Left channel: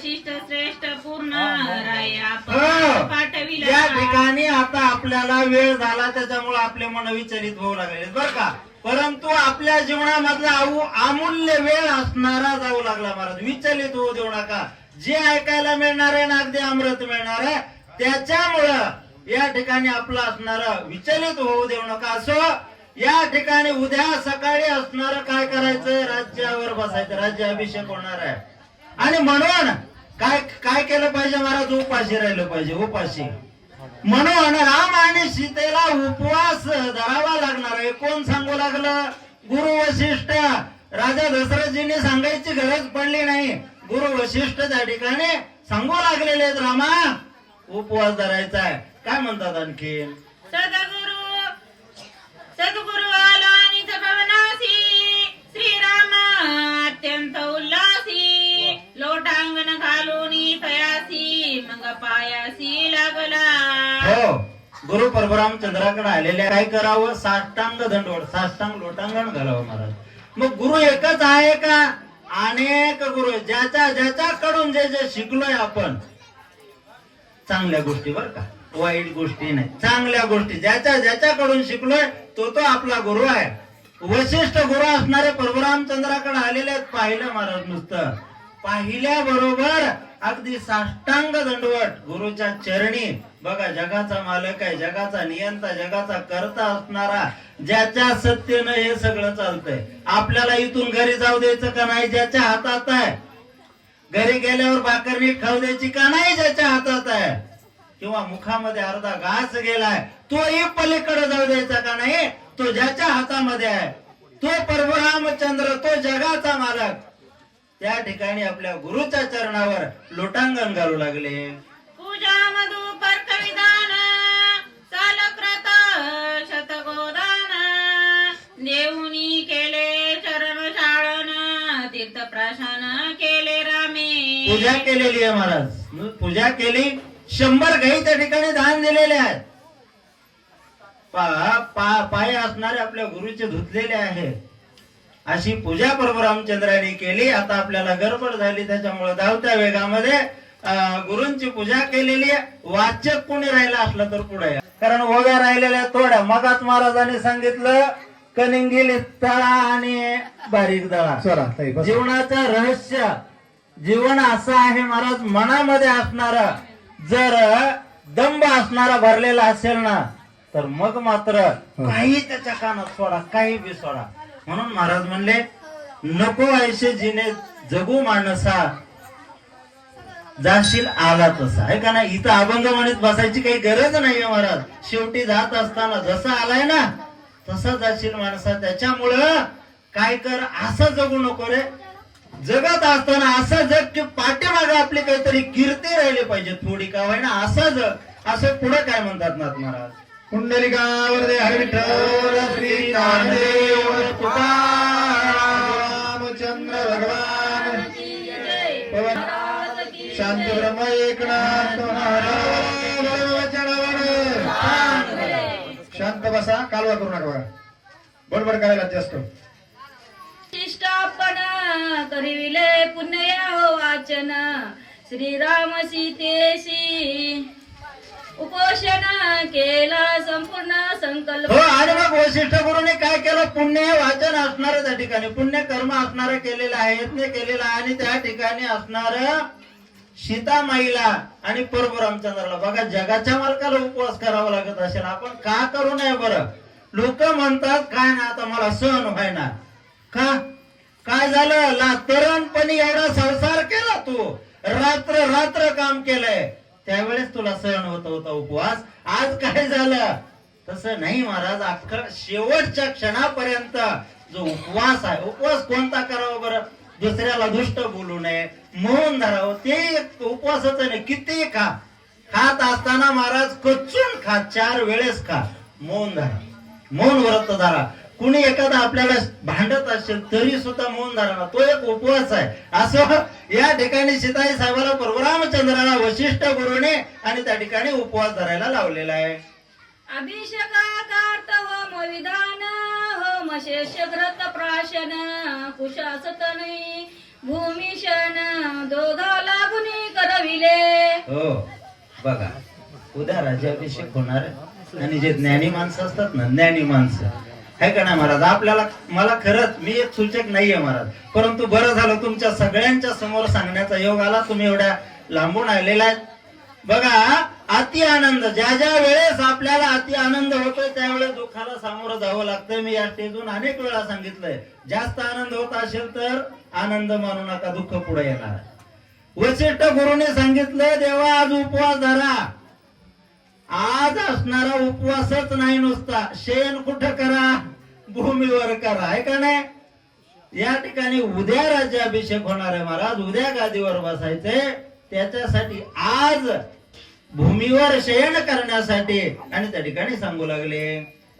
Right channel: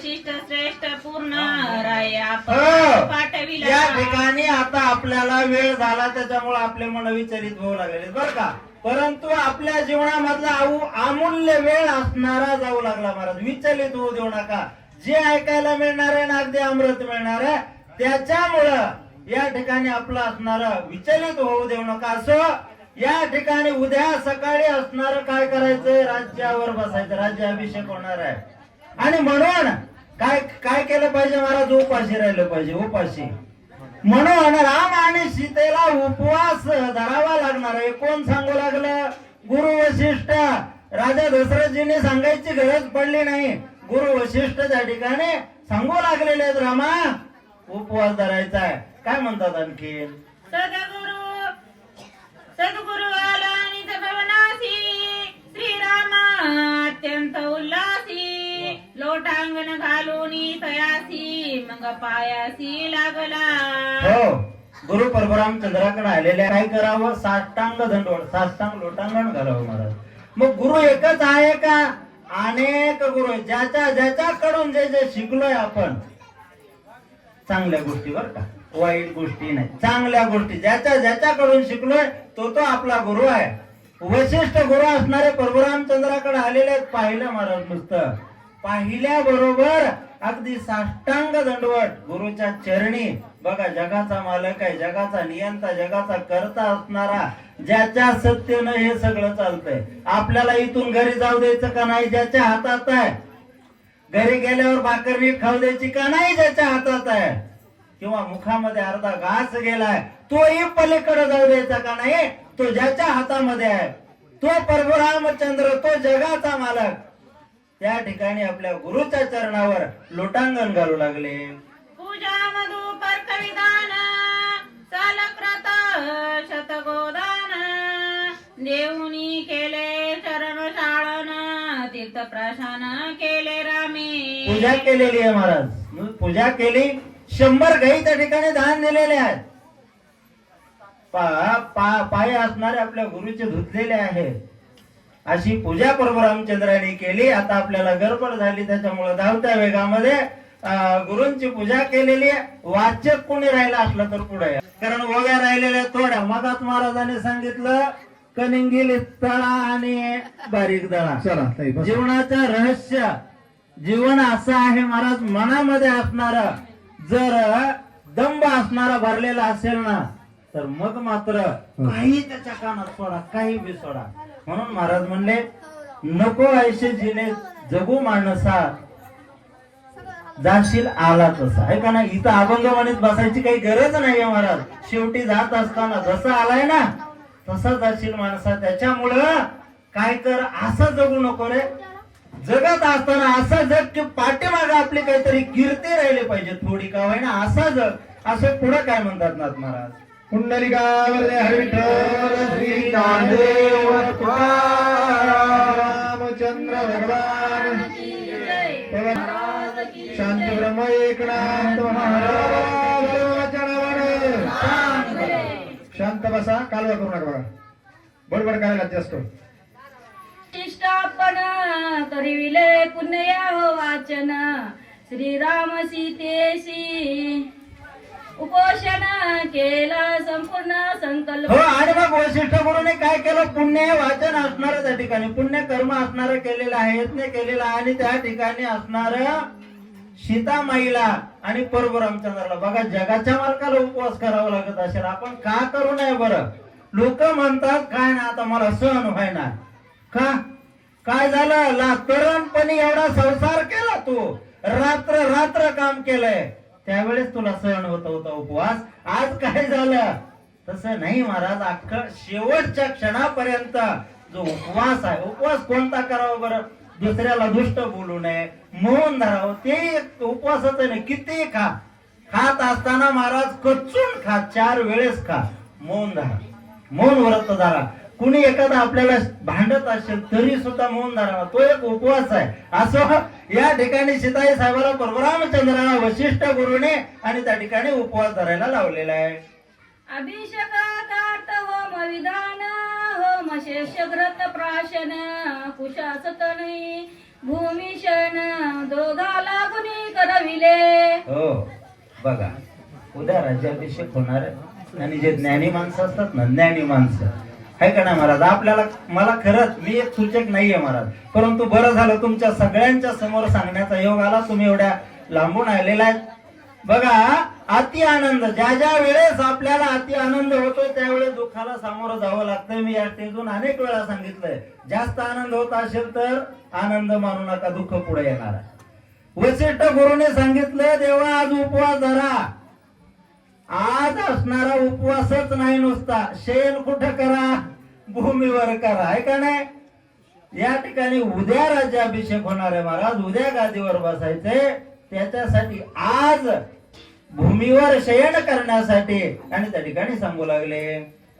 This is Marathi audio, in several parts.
वशिष्ठ श्रेष्ठ पूर्ण राय. आपण हो. पाठविला या ठिकाणी आता आपल्याला वेळ झाला त्याच्यामुळे आपले मन विचलित होऊ लागलेले बर का? परंतु आपल्या जीवनामधला आऊ- अमूल्य वेळ असणारा जाऊ लागला महाराज. विचलित होऊ देऊ नका. जे ऐकायला मिळणार आहे ना अगदी अमृत मिळणार आहे. त्याच्यामुळं या ठिकाणी आपलं असणार विचलित होऊ देऊ नका. असो या ठिकाणी उद्या सकाळी असणार काय करायचं राज्यावर बसायचं. राज्याभिषेक होणार आहे. आणि म्हणून काय काय केलं पाहिजे महाराज? उपाशी राहिलं पाहिजे उपाशी. म्हणून राम आणि सीतेला उपवास धरावा लागणार आहे. कोण सांगू लागलं? गुरु वशिष्ठ. राजा दशरथजीने सांगायची गरज पडली नाही. गुरु वशिष्ठ त्या ठिकाणी सांगू लागलेले आहेत रामा उपवास धरायचा आहे. काय म्हणतात आणखी? अंगण घालून तयासी मग पायासी लागला. हो गुरु परशुराम चंद्राकडे आलेले काय करावं? साष्टांग दंडवड साष्टांग लोटांगण घालावं महाराज. मग गुरु एकच आहे का? अनेक गुरु ज्याच्या ज्याच्याकडून जे जे शिकलोय आपण चांगल्या गोष्टीवर का. वाईट गोष्टी नाही चांगल्या गोष्टी. ज्याच्या ज्याच्याकडून शिकलोय तो तो आपला गुरु आहे. वशिष्ठ गुरु असणारे परशुरामचंद्राकडे आलेले पाहिलं महाराज नुसतं. पाहिल्या बरोबर अगदी साष्टांग दंडवट गुरुच्या चरणी. बघा जगाचा मालक आहे जगाचा नियंता जगाचा करता असणारा ज्याच्या सत्तेनं हे सगळं चालतंय. आपल्याला इथून घरी जाऊ द्यायचं का नाही ज्याच्या हातात आहे. घरी गेल्यावर भाकरणी खाऊ द्यायची का नाही ज्याच्या हातात आहे. किंवा मुखामध्ये अर्धा घास गेलाय तोही पलीकडे जाऊ द्यायचा का नाही तो ज्याच्या हातामध्ये आहे. तो परशुरामचंद्र तो जगाचा मालक. त्या ठिकाणी आपल्या गुरुच्या चरणावर लोटांगण घालू लागले. देऊनी केले चरण शाळन तीर्थ प्राशन केले रामे. पूजा केलेली आहे महाराज. पूजा केली शंभर गाई त्या ठिकाणी दान दिलेले आहेत. पा- पा- पाय असणारे आपल्या गुरुचे धुतलेले आहे अशी पूजा परशुरामचंद्राने केली. आता आपल्याला गडबड झाली त्याच्यामुळे धावत्या वेगामध्ये गुरूंची पूजा केलेली आहे. वाचक कोणी राहिला असलं तर पुढे. कारण ओव्या राहिलेल्या थोड्या. मगात महाराजांनी सांगितलं कनिंगिल तळा आणि बारीक दळा. जीवनाचं रहस्य जीवन असं आहे महाराज मनामध्ये असणारा. जर दंब असणारा भरलेला असेल ना तर मग मात्र काही त्याच्या कानात सोडा काही बी सोडा. म्हणून महाराज म्हणले नको ऐसे जिने जगू माणसा. जाशील आला तसा. आहे का नाही? इथं अभंग म्हणत बसायची काही गरज नाहीये महाराज. शेवटी जात असताना जसा आलाय ना तसा जाशील माणसा. त्याच्यामुळं काय कर असं जगू नको रे. जगत असताना असं जग की पाठीमागे आपली काहीतरी कीर्ती राहिली पाहिजे थोडी का होईना. असं जग. असं पुढे काय म्हणतात नाथ महाराज? पुंडलिकावर दे हरी विठ्ठल श्री नामदेव रामचंद्र भगवान शांत ब्रह्म एकनाथ महाराज शांत बसा कालवा करू नका बघा बडबड करायला जास्त शिष्टापण करिविले पुण्य हो वाचन. श्रीराम सीतेशी उपोषण केले. संपूर्ण संकल्प हो आणि मग वशिष्ठ गुरुने काय केलं? पुण्य वाचन असणार त्या ठिकाणी. पुण्य कर्म असणार केलेलं आहे यत्न केलेला आहे आणि त्या ठिकाणी असणार सीतामाईला आणि परशुरामचंद्राला बघा जगाच्या मालकाला उपवास करावा लागत असेल. आपण का करू नये बरं? लोक म्हणतात काय ना आता मला सहन व्हायना. का? काय झालं? ला तरुणपणी एवढा संसार केला तू. रात्र रात्र काम केलंय. त्यावेळेस तुला सहन होत होता उपवास. आज काय झालं? तसं नाही महाराज अख्ख शेवटच्या क्षणापर्यंत जो उपवास आहे उपवास कोणता करावा बरं? दुसऱ्याला दुष्ट बोलू नये मौन धरावं ते एक उपवासाचं नाही किती खा. खात असताना महाराज कचून खा चार वेळेस खा. मौन धरा. मौन व्रत धरा. कुणी एखादा आपल्याला भांडत असेल तरी सुद्धा मौन धरा तो एक उपवास आहे. असं या ठिकाणी सीताई साहेबाला परशुरामचंद्राला वशिष्ठ गुरुने आणि त्या ठिकाणी उपवास धरायला लावलेला आहे. अभिषेकात होम विधान होम शेष व्रत प्राशन कुशासतनी भूमिशन दोघाला गुणी करविले. हो बघा उद्या राज्याभिषेक होणार आणि जे ज्ञानी माणसं असतात ना ज्ञानी माणसं. आहे का नाही महाराज? आपल्याला मला खरंच मी एक सूचक नाहीये महाराज. परंतु बरं झालं तुमच्या सगळ्यांच्या समोर सांगण्याचा योग आला. तुम्ही एवढ्या लांबून आलेला आहे. बघा अति आनंद. ज्या ज्या वेळेस आपल्याला अति आनंद होतोय त्यावेळेस दुःखाला सामोरं जावं लागतं. मी या स्टेजून अनेक वेळा सांगितलंय. जास्त आनंद होत असेल तर आनंद मानू नका दुःख पुढे येणार आहे. वशिष्ठ गुरुने सांगितलंय देवा आज उपवास धरा. आज असणारा उपवासच नाही नुसता. शेण कुठं करा? भूमीवर करा. आहे का नाही? या ठिकाणी उद्या राज्याभिषेक होणार आहे महाराज. उद्या गादीवर बसायचे त्याच्यासाठी आज भूमीवर शयन करण्यासाठी. आणि त्या ठिकाणी सांगू लागले.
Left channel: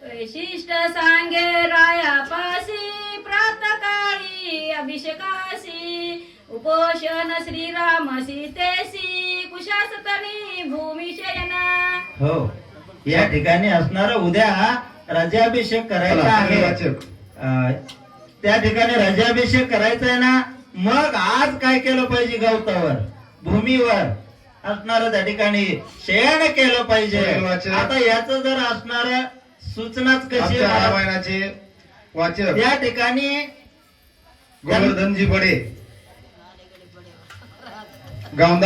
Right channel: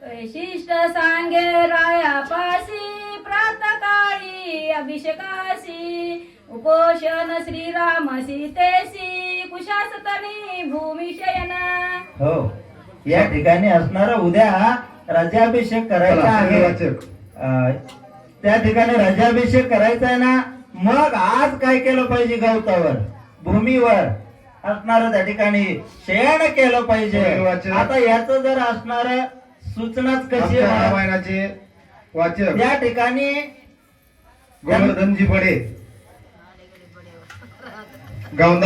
वैशिष्ट सांगे रायापासी प्रातकाळी अभिषेकासी उपोषण श्रीराम सीतेसी कुशासतनी भूमिशयना हो. या ठिकाणी असणारा उद्या राज्याभिषेक करायचा आहे. त्या ठिकाणी राज्याभिषेक करायचा आहे ना? मग आज काय केलं पाहिजे गवतावर? भूमीवर. असणार त्या ठिकाणी शयन केलं पाहिजे. आता याच जर असणार सूचनाच कशी? रामायणाचे वाचक या ठिकाणी गोवर्धनजी बडे गावंदा